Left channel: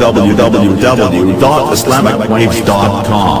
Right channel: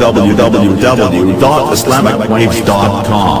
www.islamicwaves.com.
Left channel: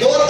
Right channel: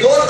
2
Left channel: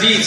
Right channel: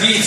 20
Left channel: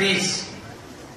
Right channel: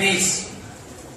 20।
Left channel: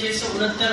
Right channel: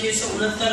669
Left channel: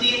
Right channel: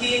3,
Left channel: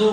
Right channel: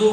2।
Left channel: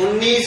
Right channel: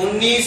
19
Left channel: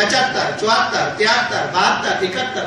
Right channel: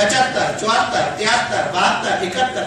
75, 74, 73, 72, 71,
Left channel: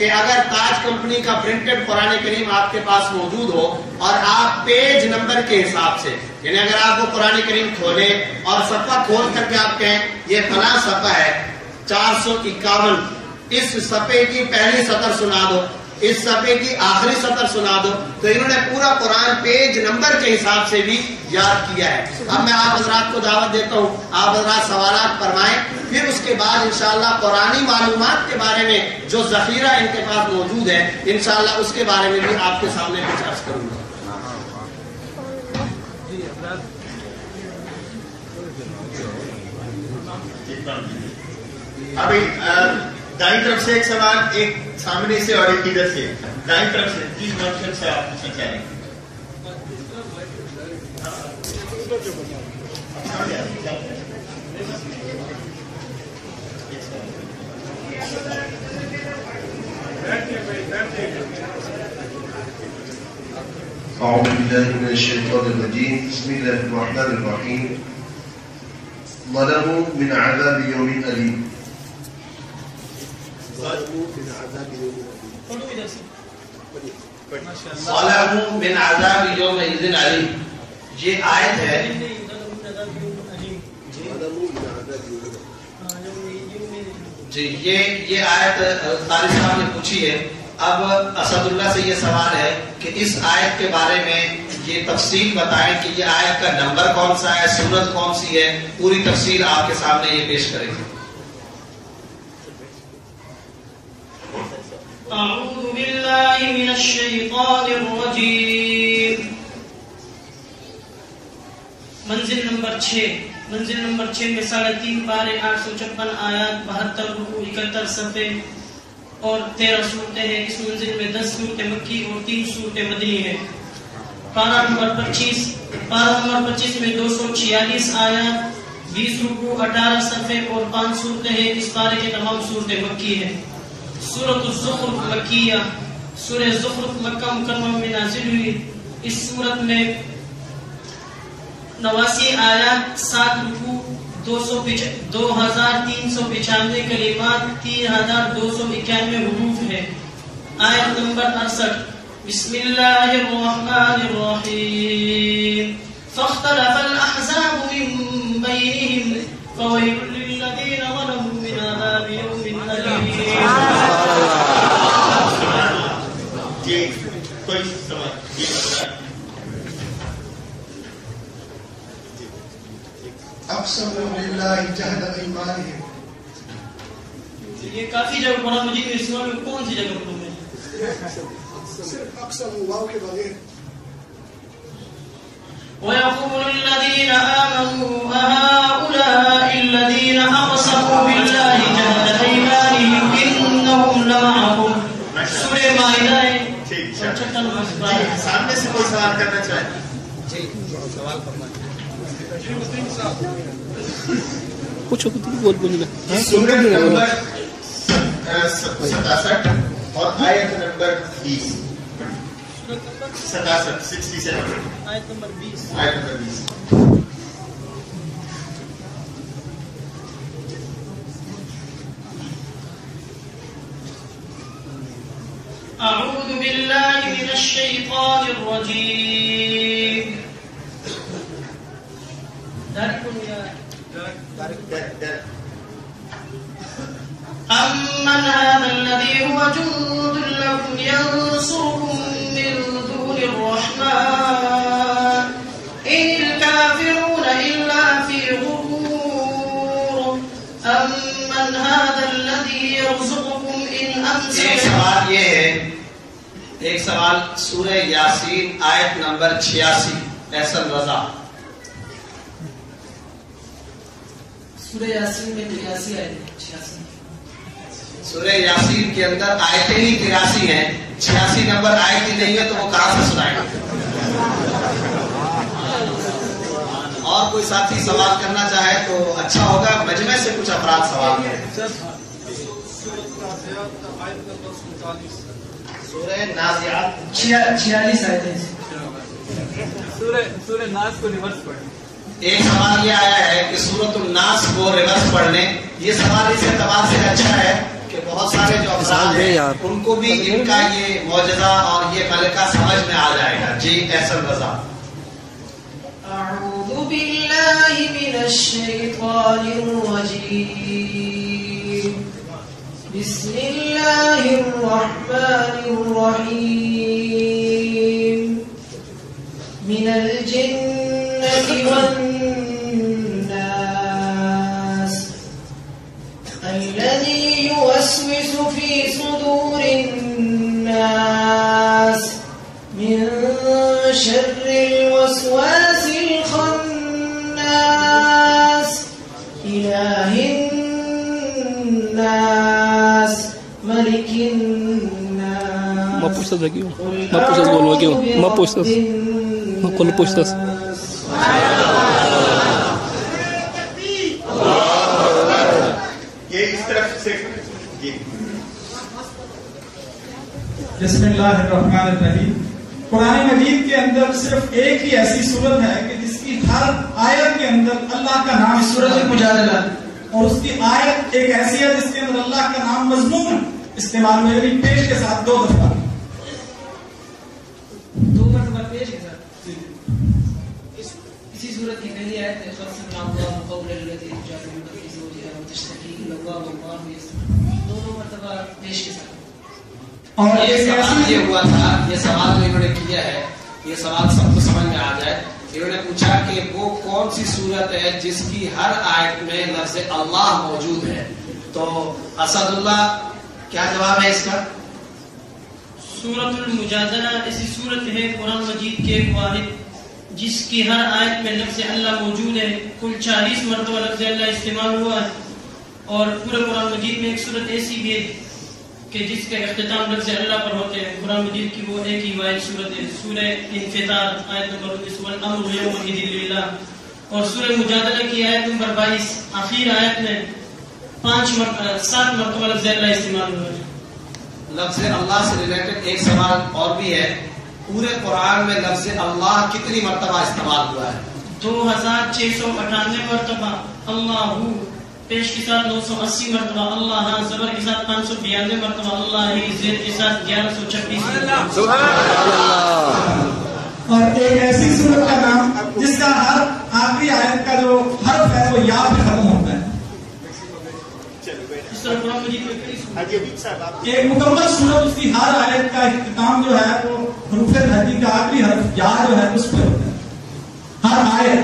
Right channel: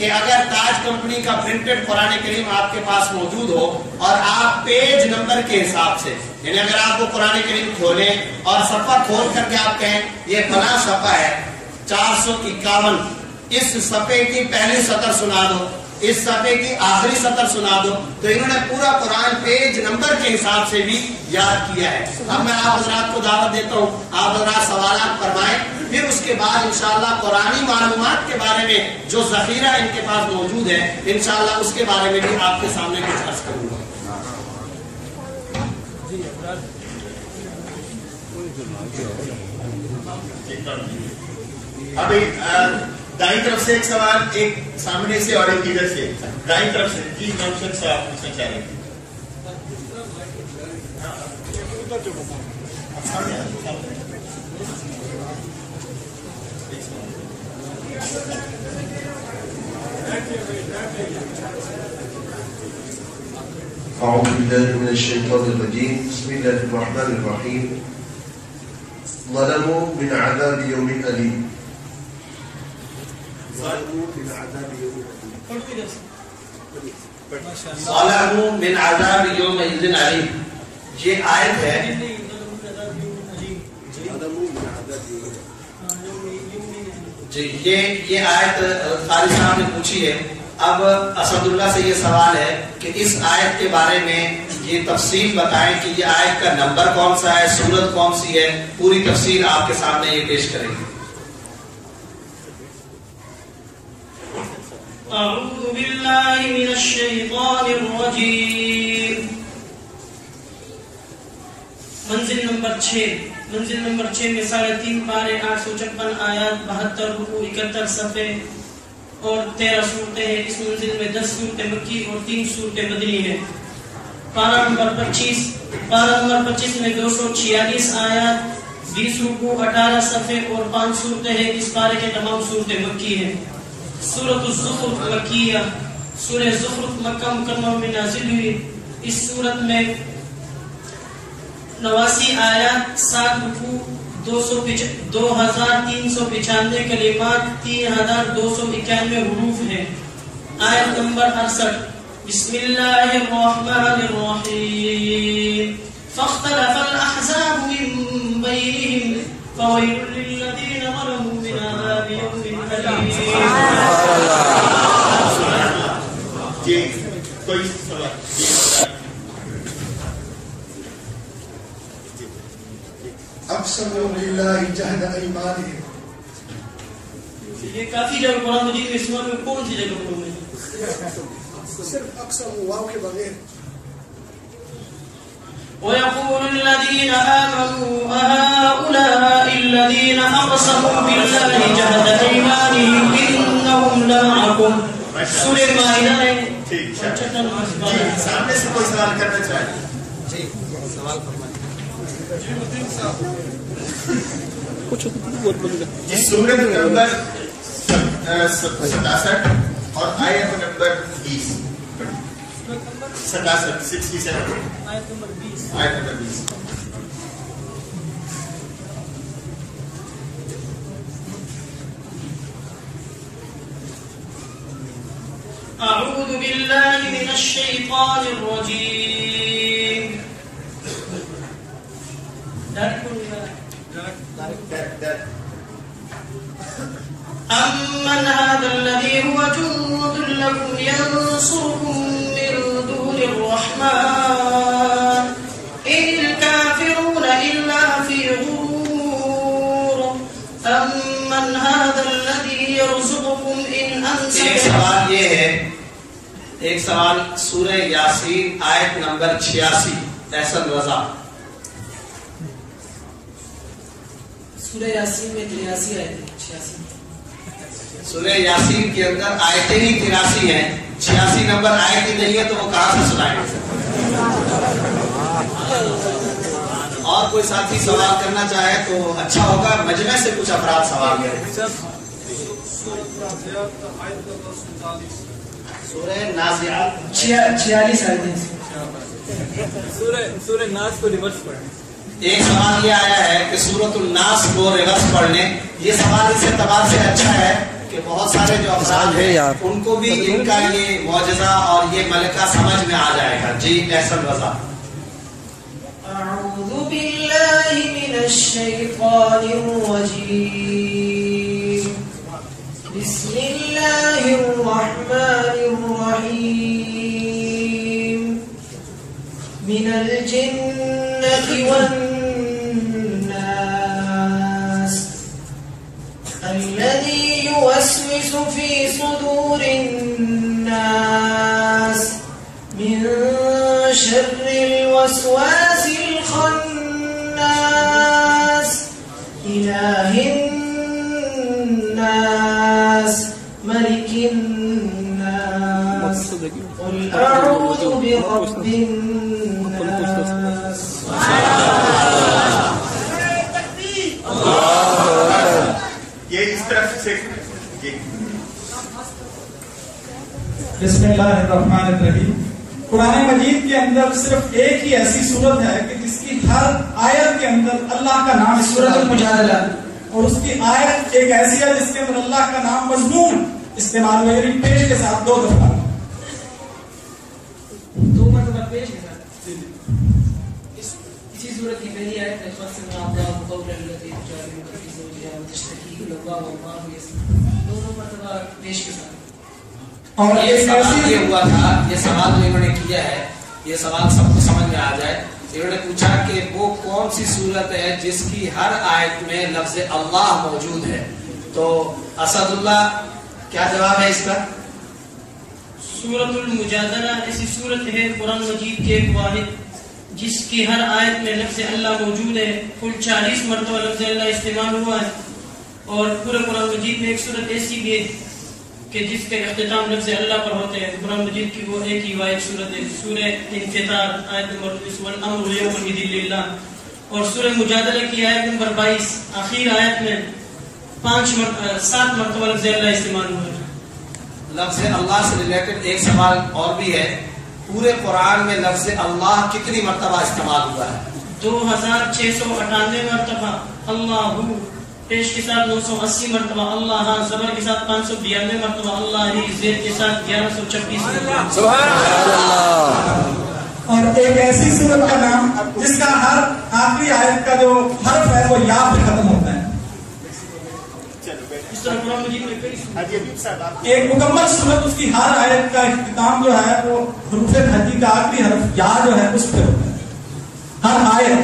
کہ اگر تاج company کا پرنٹڈ قرآن کریم آپ کے پاس موجود ہو اور آپ پیج نمبر کے حساب سے، یعنی اگر آپ کو قرآن کریم کھولیں اور صفحہ کھول کر کے آپ کہیں یہ فلاں صفحہ ہے 451، اس صفحے کی پہلی سطر سنا دو، اس صفحے کی آخری سطر سنا دو، تو انہوں نے پورا قرآن پیج نمبر کے حساب سے بھی یاد کیا ہے۔ اب میں آپ حضرات کو دعوت دیتا ہوں، آپ حضرات سوالات فرمائیں، پھر اس کے بعد انشاءاللہ قرآنی معلومات کے بارے میں جو ذخیرہ ان کے پاس موجود ہے انشاءاللہ اس کے بارے میں بھی آپ کے سامنے کچھ عرض کروں گا۔ ابھی دائیں طرف سے ایک سوال، ایک سامنے سے اور ایک ادھر سے، دائیں طرف سے پلیز نوشن سے آپ پوچھنا چاہ رہے ہیں۔ أعوذ بالله من الشيطان الرجيم بسم الله الرحمن الرحيم ظلموا من عذاب يوم أليم ظلموا من عذاب يومئذ عليم، یہ آیت ہے جی، یہ آیت طالب صاحب نے پوچھی ہے۔ اب اسد اللہ سے یہ سوال ہے کہ اس آیت کے بارے میں یہ تفصیل بتائیں کہ یہ آیت کا نمبر کون سا ہے، سورت کون سی ہے، پوری تفصیل آپ کے سامنے یہ پیش کریں گے۔ اعوذ باللہ من الشیطان الرجیم۔ منزل نمبر 6 میں 3.5 پارے 856 آیات 72 رکوع 71 صفحے اور 13 صورتیں ہیں۔ اس منزل میں 10 صورتیں مکی اور 3 صورتیں مدنی ہیں۔ پارہ نمبر 25 میں 246 آیات 20 رکوع 18 صفحے اور 5 صورتیں ہیں۔ اس پارے کے تمام صورتیں مکی ہیں۔ سورۃ الزخرف مکیہ، سورہ زخرف مکہ مکرمہ میں نازل ہوئی۔ اس سورت میں 89 آیات 7 رکوع 2395 کلمات 3291 حروف ہیں۔ آیت نمبر 68 بسم اللہ الرحمن الرحیم فاختلف الاحزاب من بینہم فویل للذین ظلموا من عذاب یوم الیم۔ جی کوئی سوال؟ اقسموا باللہ جہد ایمانہم، یہ کافی جگہ قرآن مجید میں استعمال میں کون سی جگہ پڑھوں گے؟ صرف اقسموا واو کے بغیر۔ وَيَقُولُ الَّذِينَ آمَنُوا أَهَؤُلَاءِ الَّذِينَ أَقْسَمُوا بِاللَّهِ جَهْدَ أَيْمَانِهِمْ إِنَّهُمْ لَمَعَكُمْ۔ سورہ مائدہ سامنے سے کوئی سوال کرنا چاہے؟ جی سوال فرمائیں۔ سورت نمبر 67 اور آیت نمبر 20، 67 آیت نمبر 20۔ اعوذ باللہ من الشیطان الرجیم۔ أَمَّنْ هَذَا الَّذِي هُوَ جُندٌ لَكُمْ يَنصُرُكُم مِّن دُونِ الرَّحْمَٰنِ إِنِ الْكَافِرُونَ إِلَّا فِي غُرُورٍ أَمَّنْ هَذَا الَّذِي يَرْزُقُكُمْ إِنْ أَمْسَكَ۔ ایک سوال یہ ہے، ایک سوال سورہ یاسین آیت نمبر 86، احسن رضا۔ سورہ یاسین میں 83 آیت ہے، 86۔ سورہ یاسین کے اندر آیتیں ہی 83 ہیں، 86 نمبر آیت ہی نہیں ہے تو وہ کہاں سے سنائیں گے؟ اور کوئی ساتھی سوال کرنا چاہے تو اچھا ہوگا، مجمع سے کچھ افراد سوال کریں۔ سورہ نازعات 46 آیتیں۔ سورہ ناس کو ریورس پڑھیں۔ ایک سوال یہ آیا ہے کہ سورۃ الناس کو ریورس پڑھ لیں۔ یہ سوال اس اعتبار سے اچھا ہے کہ بہت سارے جو افراد ہیں ان کو بھی ان کا یہ معجزہ اور یہ ملکہ سمجھ میں آ جائے گا. جی احسن رضا. اعوذ باللہ من الشیطان الرجیم. بسم اللہ الرحمن الرحیم. من الجنة والناس الذي يوسوس في صدور الناس من شر الوسواس الخناس إله الناس ملك الناس قل أعوذ برب الناس. یہ اس طرف سے بسم اللہ الرحمن الرحیم. قرآن مجید کے اندر صرف ایک ہی ایسی صورت ہے کہ جس کی ہر آیت کے اندر اللہ کا نام سورۃ المجادلہ اور اس کی آیت ایک ایسی ہے جس کے اندر اللہ کا نام مضمون استعمال میں یعنی پیش کے ساتھ دو دفعہ پیش کے ساتھ. اسی صورت کی پہلی آیت میں دونوں مرتبہ پیش کے ساتھ. اور یہ سوال یہ ہوا تھا, یہ سوال جو انہوں نے کیا ہے یہ سوال سب کو سمجھ میں آ جائے. انہوں نے پوچھا کہ وہ کون سی صورت ہے جس کی ہر آیت میں لفظ اللہ موجود ہے. تو اسد اللہ کیا جواب ہے اس کا؟ سورۃ المجادلہ ایسی صورت ہے قرآن مجید کے ایک واحد جس کی ہر آیت میں لفظ اللہ موجود ہے. کل 40 مرتبہ لفظ اللہ استعمال ہوا ہے. اور پورے قرآن مجید میں ایک صورت ایسی بھی ہے کہ جس کا اختتام لفظ اللہ پر ہوتے ہیں. قرآن مجید کی وہ ایک ہی واحد صورت ہے سورہ انفطار آیت نمبر 19 والامر یومئذ للہ. اور سورہ مجادلہ کی آیت نمبر 22 آخر آیت میں 7 مرتبہ لفظ اللہ استعمال ہوا ہے. لفظ اللہ سے ریلیٹڈ ایک سوال اور بھی ہے, پورے قرآن میں لفظ اللہ کتنی مرتبہ استعمال ہوا ہے؟ 2698 مرتبہ. اللہ پیش کے ساتھ 980 مرتبہ. اللہ زبر کے ساتھ 592 مرتبہ. اللہ ہی زیر کے ساتھ 1126 مرتبہ. اور ایک ایسی سورت کا نام جس کا ہر آخری آیت کا جو حرف ہے وہ یا پہ ختم ہوتا ہے. اس طرح قرآن مجید میں کئی ایک مکمل سورت اس کی ہر آیت کا اختتام جو ہے وہ حروف تہجی کا آخری حرف یا جو ہے اس پہ ہوتا ہے. ہر آیت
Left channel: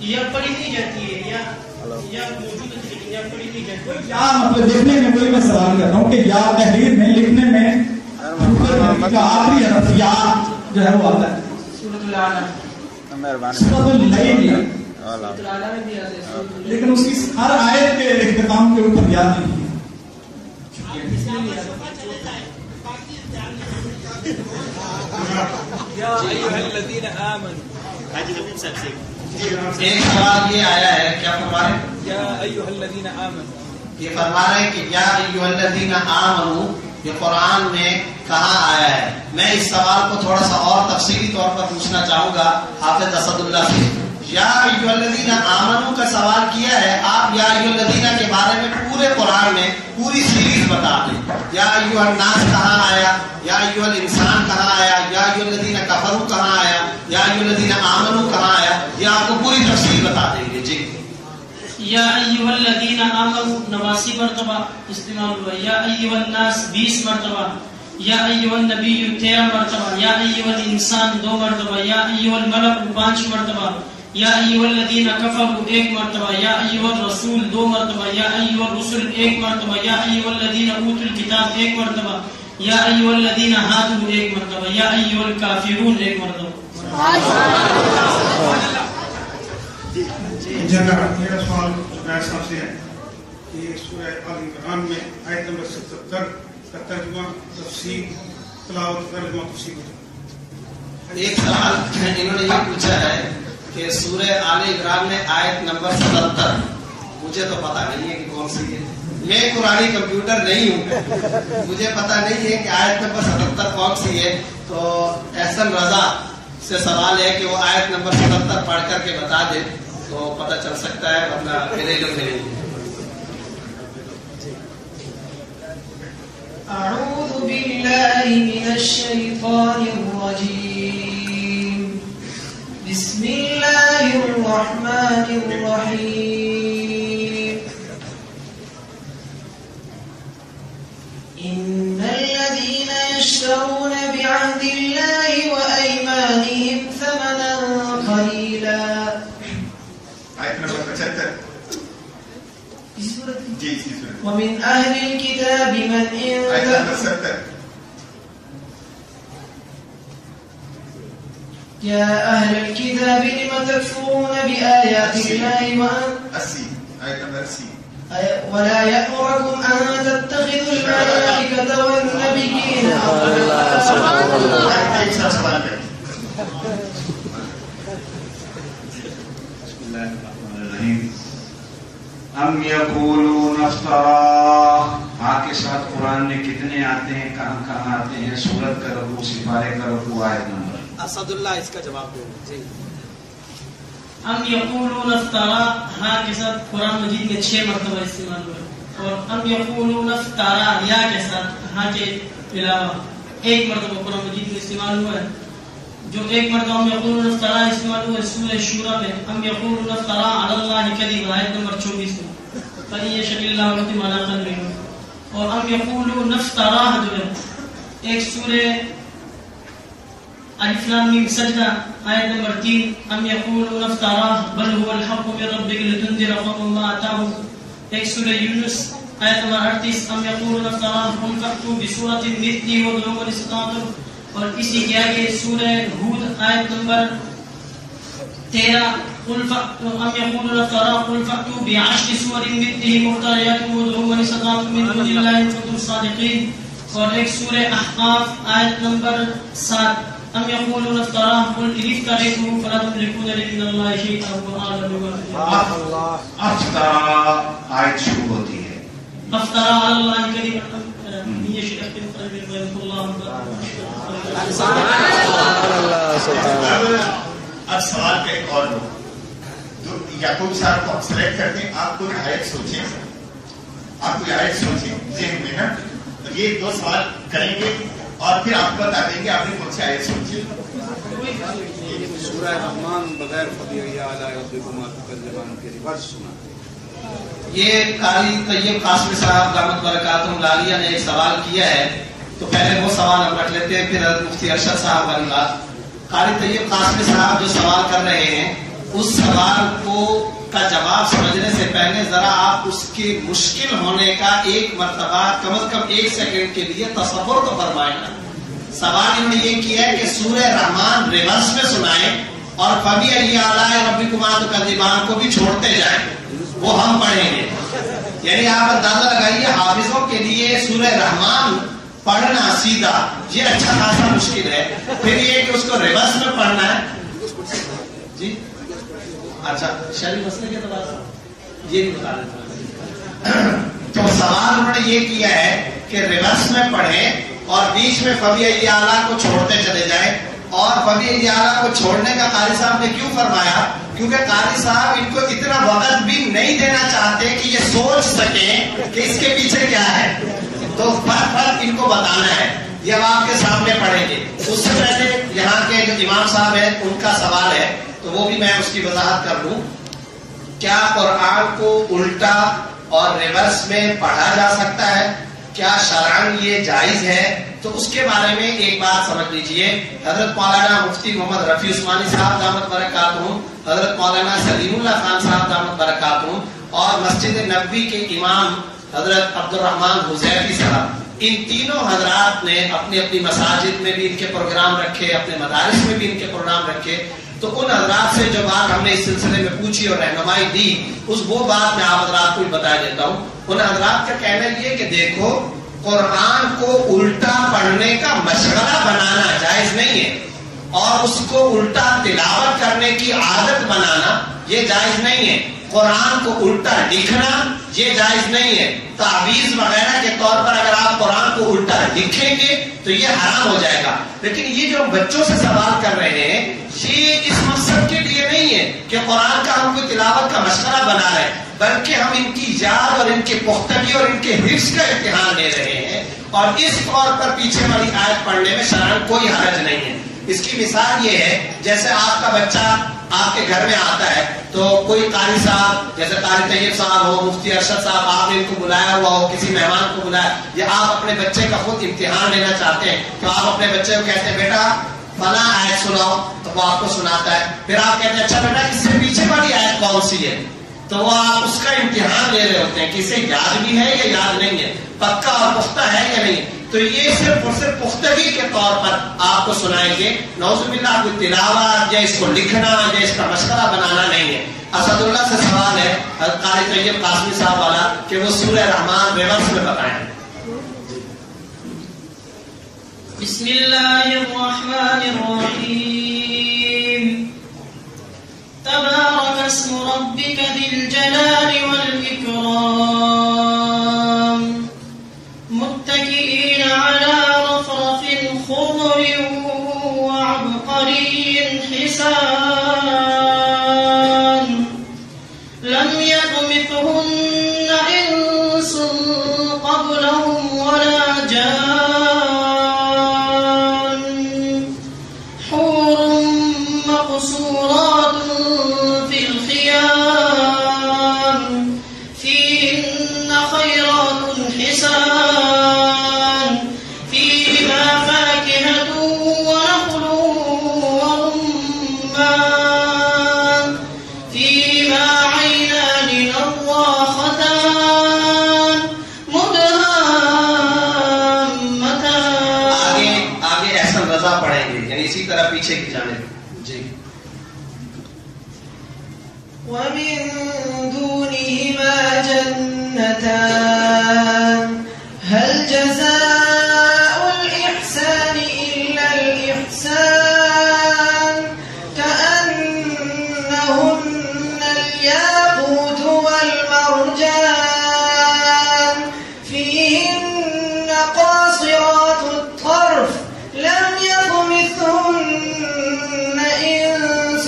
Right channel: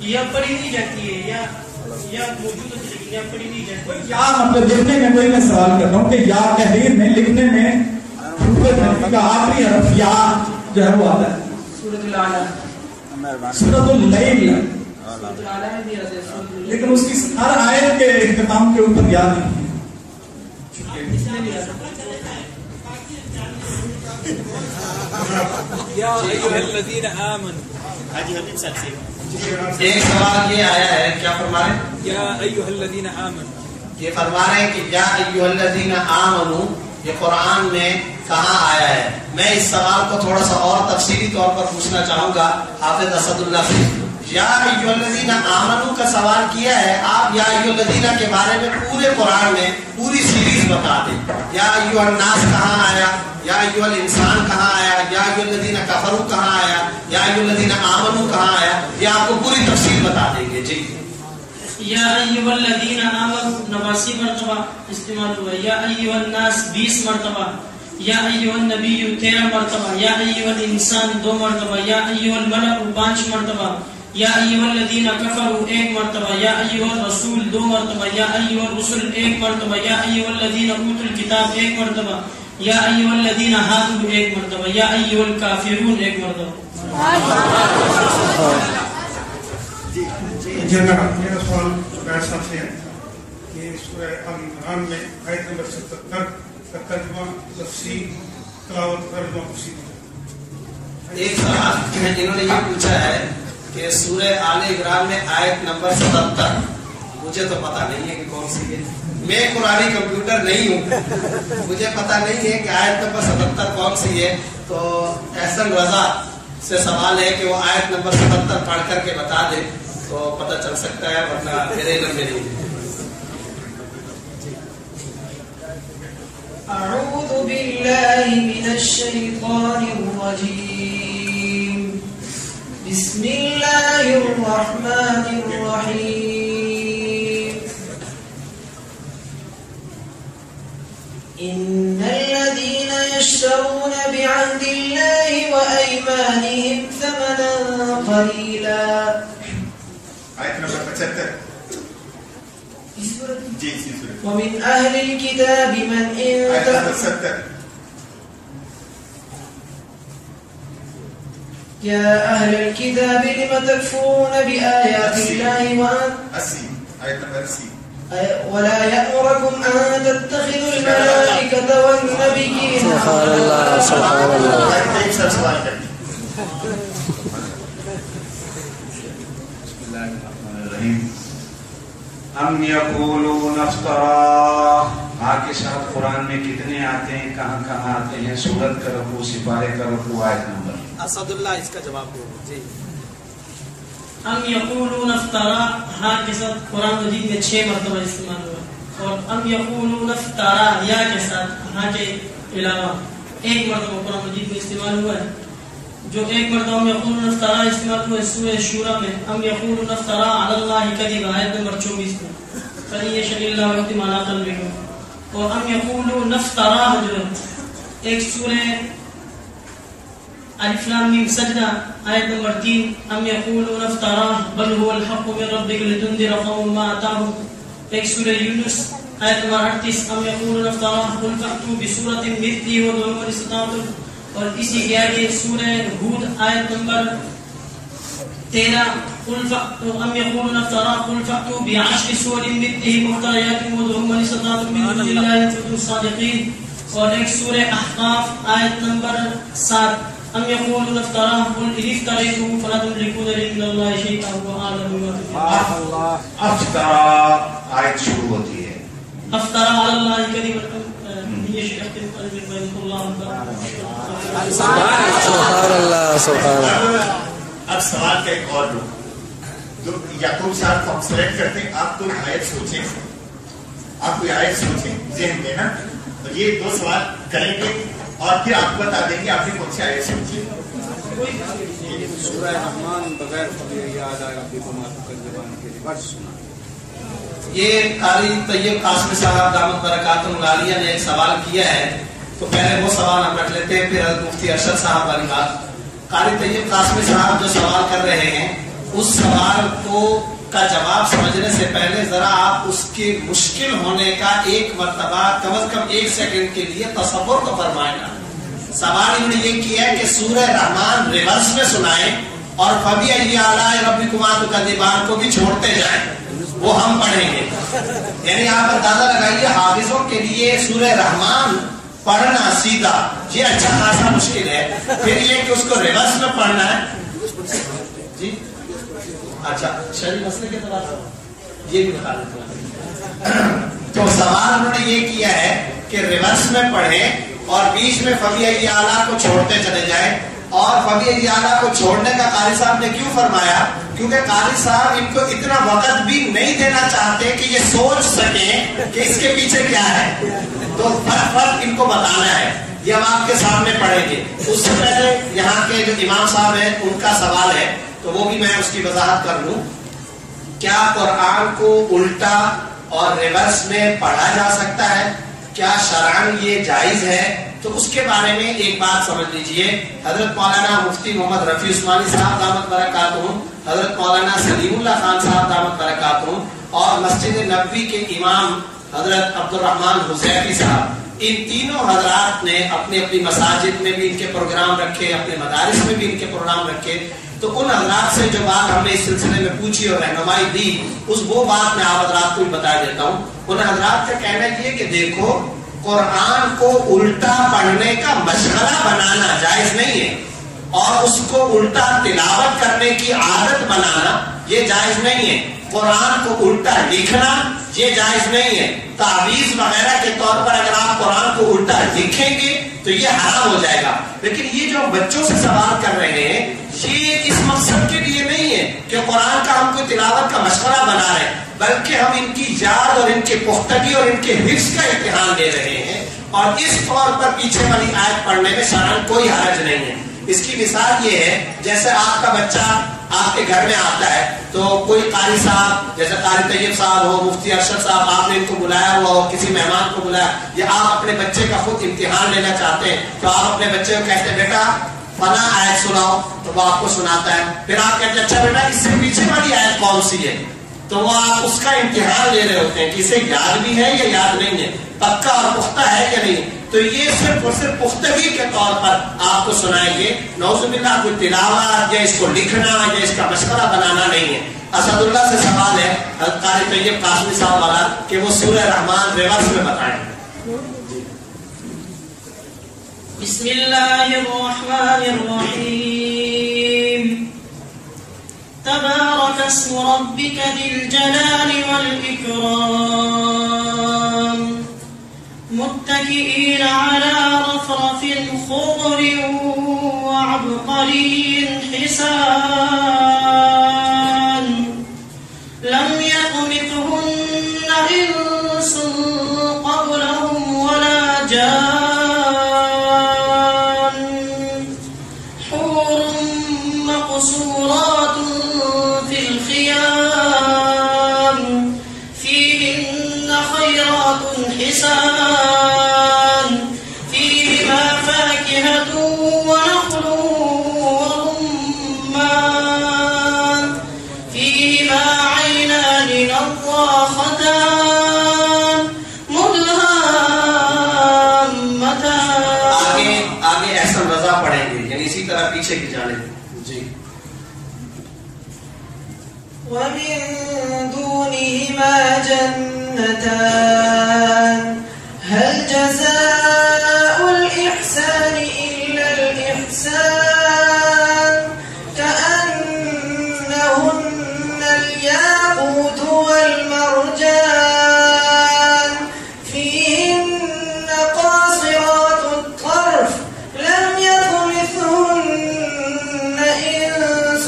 یا پڑھی نہیں جاتی ہے یا موجود ہے لیکن یا پڑھی نہیں جاتی ہے. یا مطلب لکھنے میں کوئی میں سوال کر رہا ہوں کہ یا تحریر میں لکھنے میں حروف تہجی کا آخری حرف یا جو ہے وہ آتا ہے. سورۃ الاعلی سورۃ اللیل سورۃ الاعلی میں بھی آتا ہے. لیکن اس کی ہر آیت کے اختتام کے اوپر یاد نہیں ہے. اس میں بھی آتا ہے. ایک سوال یہ آیا ہے, کیا فرما رہے ہیں؟ یہ فرما رہے ہیں کہ یا ایھا الذین آمنوا یہ قرآن میں کہاں آیا ہے. میں اس سوال کو تھوڑا سا اور تفصیلی طور پر پوچھنا چاہوں گا حافظ اسد اللہ سے. یا ایھا الذین آمنوا کا سوال کیا ہے آپ, یا ایھا الذین کے بارے میں پورے قرآن میں پوری سیریز بتا دیں. یا ایھا الناس کہاں آیا, یا ایھا الانسان کہاں آیا, یا ایھا الذین کفروا کہاں آیا, یا ایھا الذین آمنوا کہاں آیا, یہ آپ کو پوری تفصیل بتا دیں گے. جی یا ایھا الذین آمنوا 89 مرتبہ استعمال ہوا ہے. یا ایھا الناس 20 مرتبہ. یا ایھا النبی 13 مرتبہ. یا ایھا الانسان 2 مرتبہ. یا ایھا الملک 5 مرتبہ. یا ایھا الذین کفروا 1 مرتبہ. یا ایھا الرسول 2 مرتبہ. یا ایھا الرسل 1 مرتبہ. یا ایھا الذین اوتوا الکتاب 1 مرتبہ. یا ایھا الذین ہادوا 1 مرتبہ. یا ایھا الکافرون 1 مرتبہ. میرا سوال زبیر صاحب سے ہے کہ سورہ آل عمران میں آیت نمبر 77 کا ترجمہ تفسیر تلاوت ترجمہ تفسیر. ایک سوال انہوں نے یہ پوچھا ہے کہ سورہ آل عمران میں آیت نمبر 77 مجھے تو پتہ نہیں ہے کہ کون سی ہے. میں قرآنی کمپیوٹر نہیں ہوں, مجھے پتہ نہیں ہے کہ آیت نمبر 77 کون سی ہے. تو احسن رضا سے سوال ہے کہ وہ آیت نمبر 77 پڑھ کر کے بتا دے تو پتہ چل سکتا ہے, ورنہ میرے علم میں نہیں. أعوذ بالله من الشيطان الرجيم. بسم الله الرحمن الرحيم. إن الذين يشترون بعهد الله وأيمانهم ثمنا قليلا. آیت نمبر 75. جی اسی صورت. ومن أهل الكتاب من إن آیت نمبر 70. يا أهل الكتاب لم تكفرون بآيات الله 80. آیت نمبر 80. ولا يأمركم أن تتخذوا الملائكة والنبيين. سبحان الله سبحان الله. ایک سب سوال کریں. بسم الله الرحمن الرحیم. ام یقولون افترا. ہاں کے ساتھ قرآن میں کتنے آتے ہیں, کہاں کہاں آتے ہیں؟ سورت کا رقو, سپارے کا رقو, آیت نمبر. اسد اللہ اس کا جواب دو. جی ام یقولون افترا ہاں کے ساتھ قرآن مجید میں 6 مرتبہ استعمال ہوا ہے, اور ام یقولون افترا یا کے ساتھ ہاں کے علاوہ 1 مرتبہ قرآن مجید میں استعمال ہوا ہے. جو 1 مرتبہ ام یقولون افترا استعمال ہوا ہے سورہ شورى میں, ام یقولون افترا علی اللہ کذبا, آیت نمبر 24 میں, فَإِن يَشَأْ اللَّهُ يُحْكِمْ عَلَىٰ قَلْبِكُمْ. اور ام یقولون افترا جو ہے ایک سورہ الف لام میم سجدہ آیت نمبر 3, ام یقولون افترا بل هو الحق من ربک لتنذر قوما ما اتاهم. ایک سورہ یونس آیت نمبر 38, ام یقولون افترا قل فأتوا بسورة مثله وادعوا من استطعتم. اور اسی کے آگے سورہ ہود آیت نمبر 13, ام یقولون افترا قل فأتوا بعشر سور مثله مفتريات وادعوا من استطعتم من دون الله ان كنتم صادقين. اور ایک سورہ احقاف آیت نمبر 7, ام یقولون افترا قل ان افتریته فلا تملكون لي من الله شيئا واعلم بما تفعلون. افترا آیت شروع ہوتی ہے. افترا علی اللہ کذبا يشاء يختم قلبه ويذكر الله. سبحان اللہ سبحان اللہ. اب سوال کا ایک اور لوگ جو یعقوب صاحب کو ہم سلیکٹ کرتے ہیں, آپ کوئی آیت سوچیں, آپ کوئی آیت سوچیں ذہن میں نا, یہ 2 سوال کریں گے اور پھر آپ کو بتا دیں گے آپ نے کون سی آیت سوچی. سورہ رحمان بغیر خبیر یاد آئے ربکم تکذبان کے ریورس سنا. یہ قاری طیب قاسمی صاحب دامت برکاتہ العالیہ نے ایک سوال کیا ہے, تو پہلے وہ سوال ہم رکھ لیتے ہیں, پھر حضرت مفتی ارشد صاحب والی بات. قاری طیب قاسمی صاحب جو سوال کر رہے ہیں اس سوال کا جواب سمجھنے سے پہلے ذرا آپ اس کے مشکل ہونے کا 1 مرتبہ کم از کم 1 سیکنڈ کے لیے تصور تو فرمائیں. سوال انہوں نے یہ کیا ہے کہ سورہ رحمان ریورس میں سنائیں اور فَبِأَيِّ آلَاءِ رَبِّكُمَا تُكَذِّبَانِ کو بھی چھوڑتے جائیں, وہ ہم پڑھیں گے. یعنی آپ اندازہ لگائیے حافظوں کے لیے سورہ رحمان پڑھنا سیدھا یہ اچھا خاصا مشکل ہے, پھر یہ کہ اس کو ریورس میں پڑھنا ہے. جی اچھا شرعی مسئلے کے اعتبار سے یہ بھی بتا دیتا ہوں. تو سوال انہوں نے یہ کیا ہے کہ ریورس میں پڑھیں اور بیچ میں فَبِأَيِّ آلَاء کو چھوڑتے چلے جائیں. اور فَبِأَيِّ آلَاء کو چھوڑنے کا قاری صاحب نے کیوں فرمایا, کیونکہ قاری صاحب ان کو اتنا وقت بھی نہیں دینا چاہتے کہ یہ سوچ سکیں کہ اس کے پیچھے کیا ہے, تو فرق ان کو بتانا ہے. یہ ہم آپ کے سامنے پڑھیں گے. اس سے پہلے یہاں کے جو امام صاحب ہیں ان کا سوال ہے, تو وہ بھی میں اس کی وضاحت کر لوں. کیا قرآن کو الٹا اور ریورس میں پڑھا جا سکتا ہے؟ کیا شرعاً یہ جائز ہے؟ تو اس کے بارے میں ایک بات سمجھ لیجئے. حضرت مولانا مفتی محمد رفیع عثمانی صاحب دامت برکاتہم, حضرت مولانا سلیم اللہ خان صاحب دامت برکاتہم, اور مسجد نبوی کے امام حضرت عبدالرحمن حذیفی صاحب, ان تینوں حضرات نے اپنی اپنی مساجد میں بھی ان کے پروگرام رکھے, اپنے مدارس میں بھی ان کے پروگرام رکھے. تو ان حضرات سے جو بات ہم نے اس سلسلے میں پوچھی اور رہنمائی دی, وہ بات میں آپ حضرات کو بتا دیتا ہوں. ان حضرات کا کہنا یہ کہ دیکھو قرآن کو الٹا پڑھنے کا مشغلہ بنانا جائز نہیں ہے, اور اس کو الٹا تلاوت کرنے کی عادت بنانا یہ جائز نہیں ہے. قرآن کو الٹا لکھنا یہ جائز نہیں ہے. تعویذ وغیرہ کے طور پر اگر آپ قرآن کو الٹا لکھیں گے تو یہ حرام ہو جائے گا. لیکن یہ جو ہم بچوں سے سوال کر رہے ہیں یہ اس مقصد کے لیے نہیں ہے کہ قرآن کا ہم کوئی تلاوت کا مشورہ بنا رہے ہیں، بلکہ ہم ان کی یاد اور ان کی پختگی اور ان کے حفظ کا امتحان لے رہے ہیں. اور اس طور پر پیچھے والی آیت پڑھنے میں شرعاً کوئی حرج نہیں ہے. اس کی مثال یہ ہے جیسے آپ کا بچہ آپ کے گھر میں آتا ہے تو کوئی قاری صاحب جیسے قاری طیب صاحب ہو، مفتی ارشد صاحب، آپ نے ان کو بلایا ہوا ہو، کسی مہمان کو بلایا، یا آپ اپنے بچے کا خود امتحان لینا چاہتے ہیں تو آپ اپنے بچے کو کہتے ہیں بیٹا فلاں آیت سناؤ، تو وہ آپ کو سناتا ہے. پھر آپ کہتے ہیں اچھا بیٹا اس سے پیچھے والی آیت کون سی ہے، تو وہ آپ اس کا امتحان لے رہے ہوتے ہیں کہ اسے یاد بھی ہے یا یاد نہیں ہے، پکا اور پختہ ہے یا نہیں. تو یہ صرف اور صرف پختگی کے طور پر آپ کو سنائیں گے. نعوذ باللہ کوئی تلاوت یا اس کو لکھنا یا اس کا مشورہ بنانا نہیں ہے. اسد اللہ سے سوال ہے قاری طیب قاسمی صاحب والا کہ وہ سورہ رحمان ریورس میں بتائیں. بسم اللہ الرحمن الرحیم. تبارک اسم ربک ذی الجلال والإکرام متکئین علی رفرف خضر وعبقری حسان لم یطمثهن انس قبلهم ولا جان حور مقصورات في الخيام فيهن خيرات حسان فيهما فاكهة ونخل ورمان فيهما عينان نضاختان مدهامتان. آگے احسن رضا پڑھیں گے یعنی اسی طرح پیچھے کی جانب. جی. ومن دونهما جنتان هل جزاء الإحسان إلا الإحسان كأنهن الياقوت والمرجان فيهن قاصرات الطرف لم يطمثهن إنس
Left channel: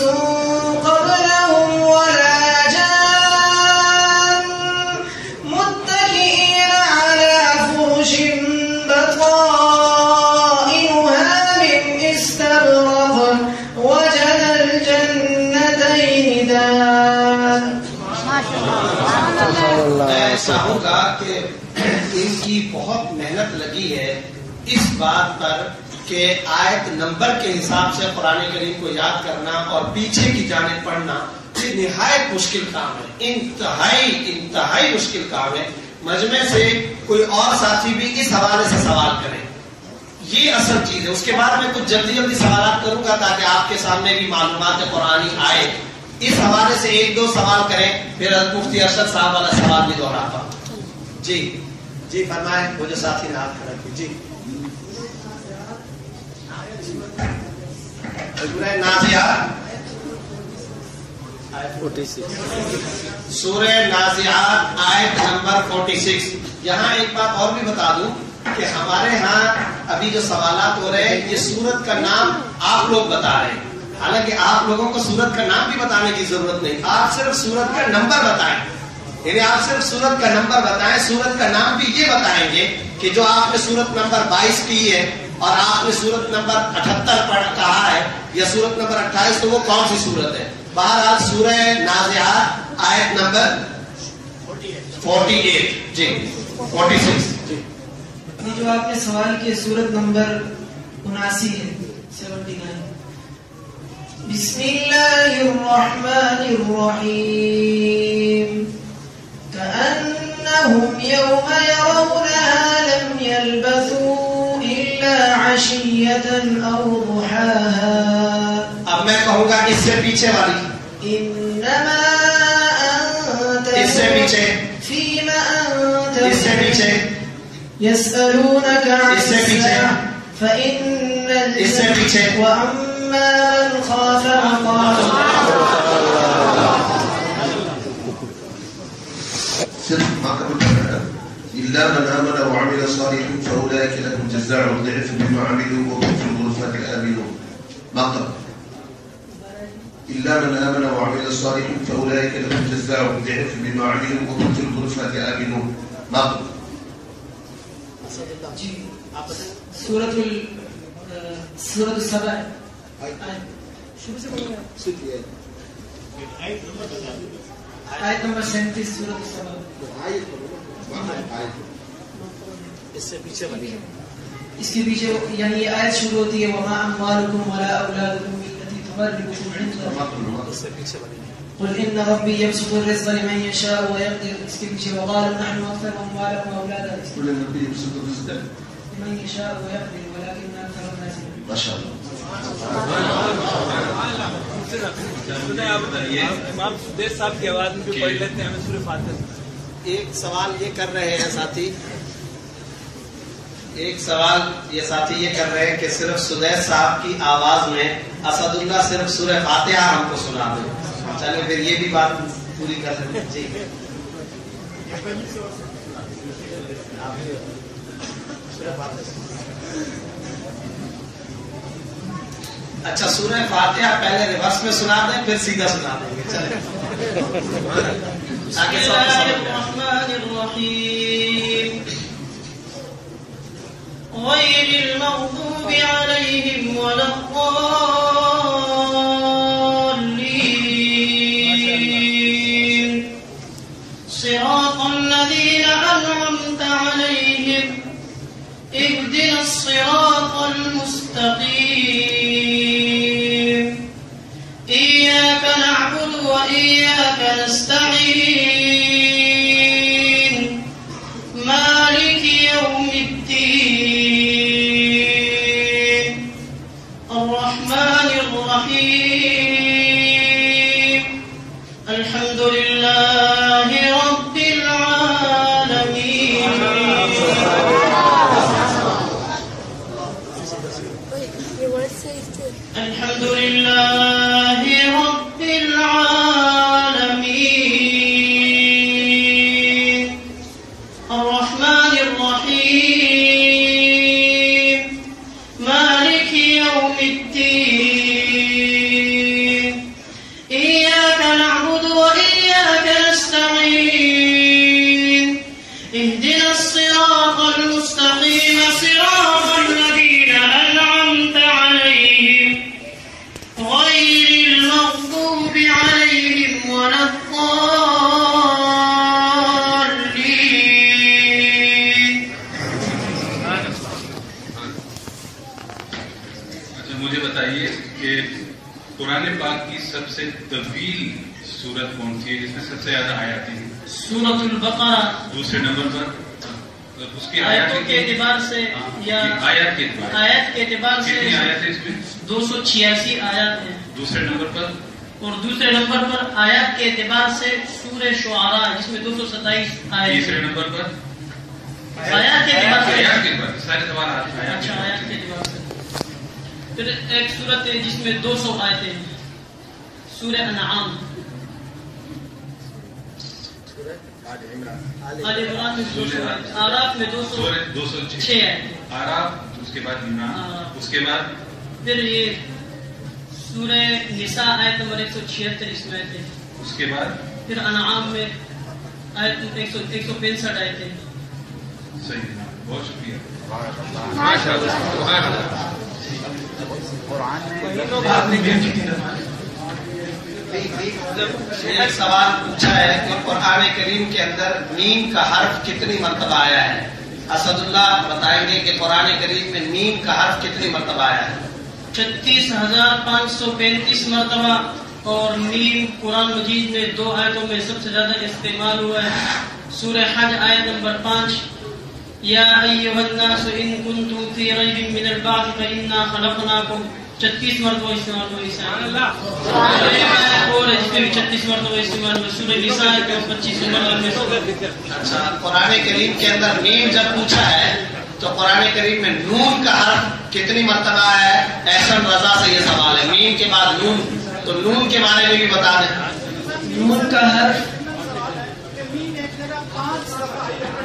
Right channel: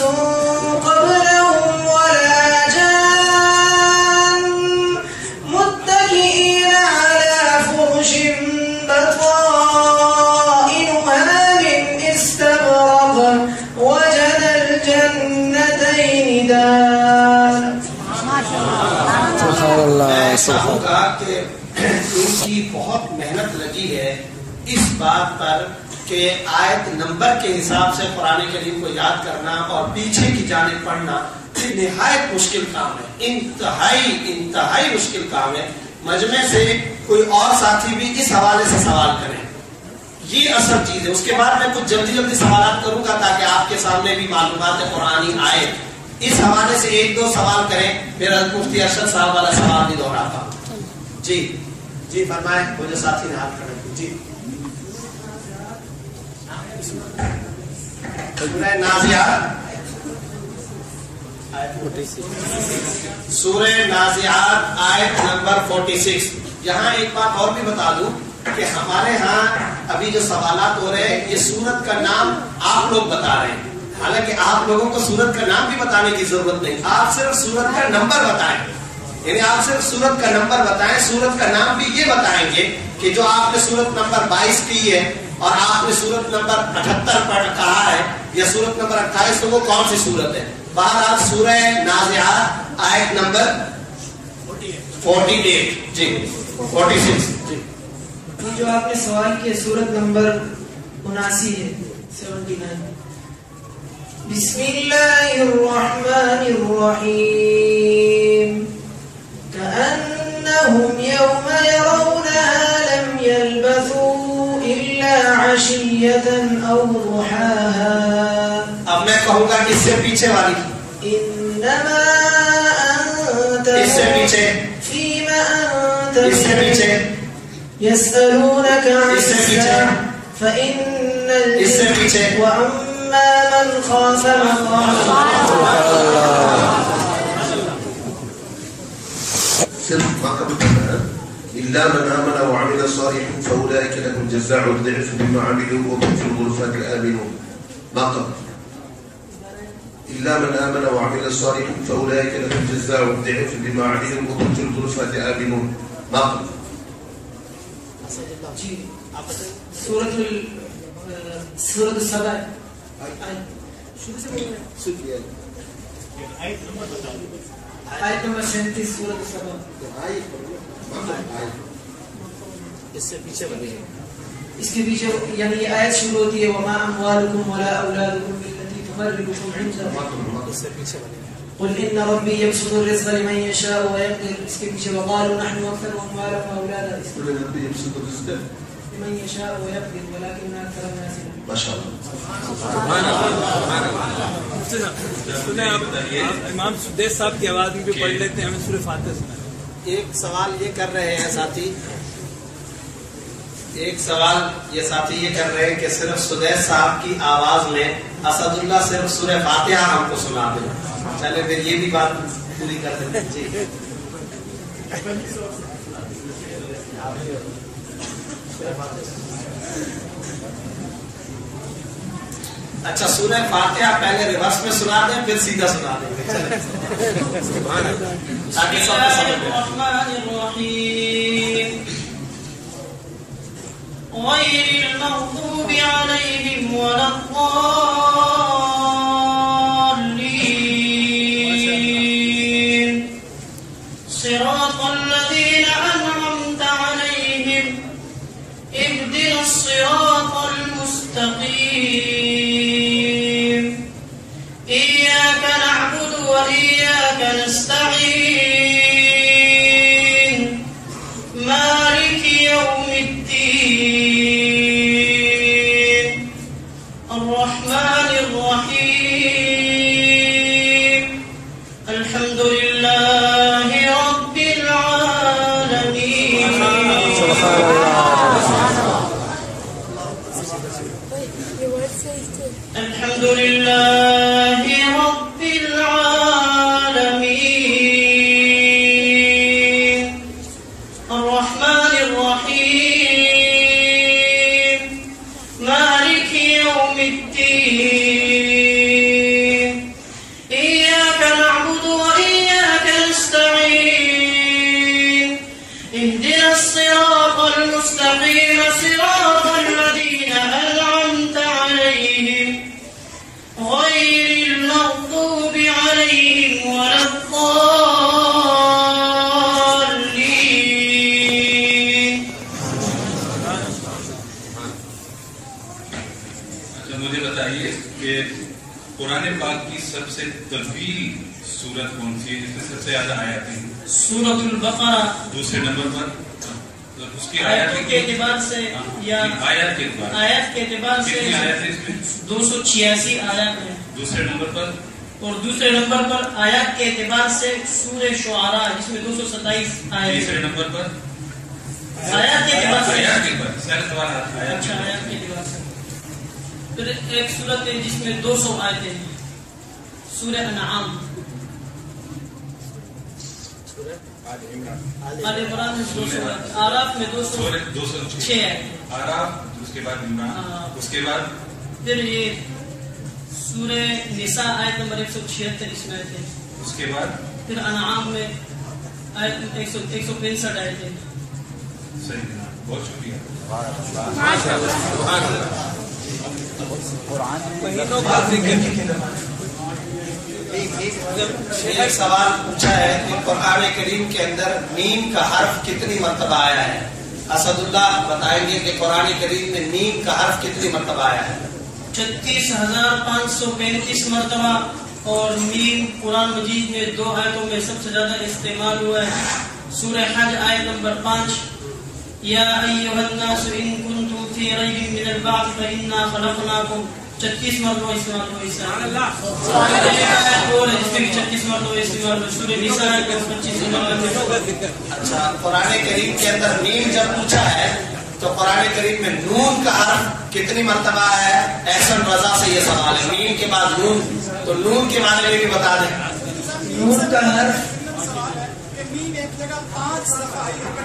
قبلهم ولا جان متكئين على فرش بطائنها من استبرق وجنى الجنتين دان. سبحان اللہ میں سبحان چاہوں گا کہ ان کی بہت محنت لگی ہے اس بات پر کہ آیت نمبر کے حساب سے قرآن کریم کو یاد کرنا اور پیچھے کی جانب پڑھنا یہ نہایت مشکل کام ہے. انتہائی مشکل کام ہے. مجمع سے کوئی اور ساتھی بھی اس حوالے سے سوال کریں، یہ اصل چیز ہے. اس کے بعد میں کچھ جلدی سوالات کروں گا تاکہ آپ کے سامنے بھی معلومات قرآنی آئے. اس حوالے سے ایک دو سوال کریں، پھر حضرت مفتی ارشد صاحب والا سوال بھی دہراتا ہوں. جی جی فرمائیں. وہ جو ساتھی نے ہاتھ کھڑے کیے. جی. سورہ نازعات سورہ نازعات آیت نمبر 46. یہاں ایک بات اور بھی بتا دوں کہ ہمارے ہاں ابھی جو سوالات ہو رہے ہیں یہ سورت کا نام آپ لوگ بتا رہے ہیں، حالانکہ آپ لوگوں کو سورت کا نام بھی بتانے کی ضرورت نہیں. آپ صرف سورت کا نمبر بتائیں، یعنی آپ صرف سورت کا نمبر بتائیں. سورت کا نام بھی یہ بتائیں گے کہ جو آپ نے سورت نمبر 22 کی ہے اور آپ نے سورت نمبر 78 پڑھ کہا ہے یا سورت نمبر 28 تو وہ کون سی سورت ہے. بہرحال سورہ نازعات آیت نمبر 48. جی 46. جی. یہ جو آپ نے سوال کیا سورت نمبر 79 ہے 79. بسم اللہ الرحمن الرحیم كأنهم يوم يرونها لم يلبثوا إلا عشية أو ضحاها. اب میں کہوں گا اس سے پیچھے والی إنما أنت اس سے پیچھے فيما أنت اس سے پیچھے يسألونك عن اس سے پیچھے فإن اس سے پیچھے وأما من خاف مقام صرف ما قبل إلا من آمن وعمل صالحا فأولئك لهم جزاء الضعف بما عملوا وهم في الغرفات آمنون. ما قبل إلا من آمن وعمل صالحا فأولئك لهم جزاء الضعف بما عملوا وهم في الغرفات آمنون. ما قبل سورة السبع آیت نمبر 37 سورة السبع. اس کے پیچھے یعنی یہ آیت شروع ہوتی ہے وما اموالکم ولا اولادکم بالتي تقربكم عندنا قل ان ربي يبسط الرزق لمن يشاء ويقدر. اس کے پیچھے وقالوا نحن اكثر اموالا واولادا. قل ان ربي يبسط الرزق لمن يشاء ويقدر ولكن اكثر الناس. ما شاء الله. امام سدیس صاحب کی آواز میں بھی پڑھ لیتے ہیں ہم سورہ فاتحہ. ایک سوال یہ کر رہے ہیں ساتھی، ایک سوال یہ ساتھی یہ کر رہے ہیں کہ صرف سدیس صاحب کی آواز میں اسد اللہ صرف سورہ فاتحہ ہم کو سنا دیں. چلے پھر یہ بھی بات پوری کر دیتے ہیں. ٹھیک ہے اچھا سورہ فاتحہ پہلے ریورس میں سنا دیں پھر سیدھا سنا دیں گے. چلیں بسم اللہ الرحمن الرحیم غیر المغضوب علیہم ولا الضالین صراط الذین انعمت علیہم اهدنا الصراط المستقیم إياك نعبد وإياك نستعين مالك يوم الدين الرحمن الرحيم الحمد لله رب العالمين. الحمد لله رب العالمين الرحمن الرحيم مالك يوم الدين إياك نعبد وإياك نستعين اهدنا الصراط المستقيم صراط الذين أنعمت عليهم غير المغضوب عليهم ولا الضالين. اچھا مجھے بتائیے کہ قرآن پاک کی سب سے طویل سورت کون سی ہے جس میں سب سے زیادہ آیاتیں ہیں؟ سورة البقرہ. دوسرے نمبر پر اس کی آیتوں کے اعتبار سے یا آیات کے اعتبار سے کتنی آیات ہیں اس میں؟ 286 آیات ہیں. دوسرے نمبر پر اور دوسرے نمبر پر آیات کے اعتبار سے سورہ شعراء جس میں 227 آیات. تیسرے نمبر پر آیات کے اعتبار سے سارے سوالات اچھا آیات کے اعتبار سے. پھر ایک سورت ہے جس میں 200 آیتیں ہیں سورہ انعام. آل عمران میں 200 آیتیں. آراف میں 206 آیتیں. آراف اس کے بعد عمران اس کے بعد پھر یہ سورہ نساء آیت نمبر 176 اس میں آیتیں. اس کے بعد پھر انعام میں آیت 165 آیتیں. صحیح بہت شکریہ. ایک سوال پوچھا ہے کہ قرآن کریم کے اندر میم کا حرف کتنی مرتبہ آیا ہے؟ اسد اللہ بتائیں گے کہ قرآن کریم میں میم کا حرف کتنی مرتبہ آیا ہے؟ 36,535 مرتبہ. اور میم قرآن مجید میں 2 آیتوں میں سب سے زیادہ استعمال ہوا ہے. سورہ حج آیت نمبر 5 یا ایھا الناس ان کنتم فی ریب من البعث فانا خلقناکم 36 مرتبہ استعمال ہوا. سبحان اللہ. اور اس میں بھی 36 مرتبہ استعمال ہوا. سورہ نساء کے 25 مرتبہ. اچھا قرآن کریم کے اندر میم جب پوچھا ہے تو قرآن کریم میں نون کا حرف کتنی مرتبہ آیا ہے؟ احسن رضا سے یہ سوال ہے. میم کے بعد نون تو نون کے بارے میں بھی بتا دیں. نون کا حرف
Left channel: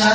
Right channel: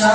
4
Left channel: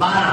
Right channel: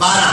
12।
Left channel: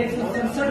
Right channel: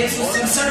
167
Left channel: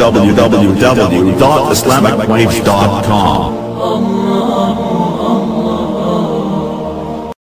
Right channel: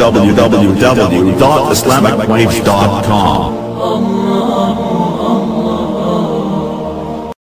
www.islamicwaves.com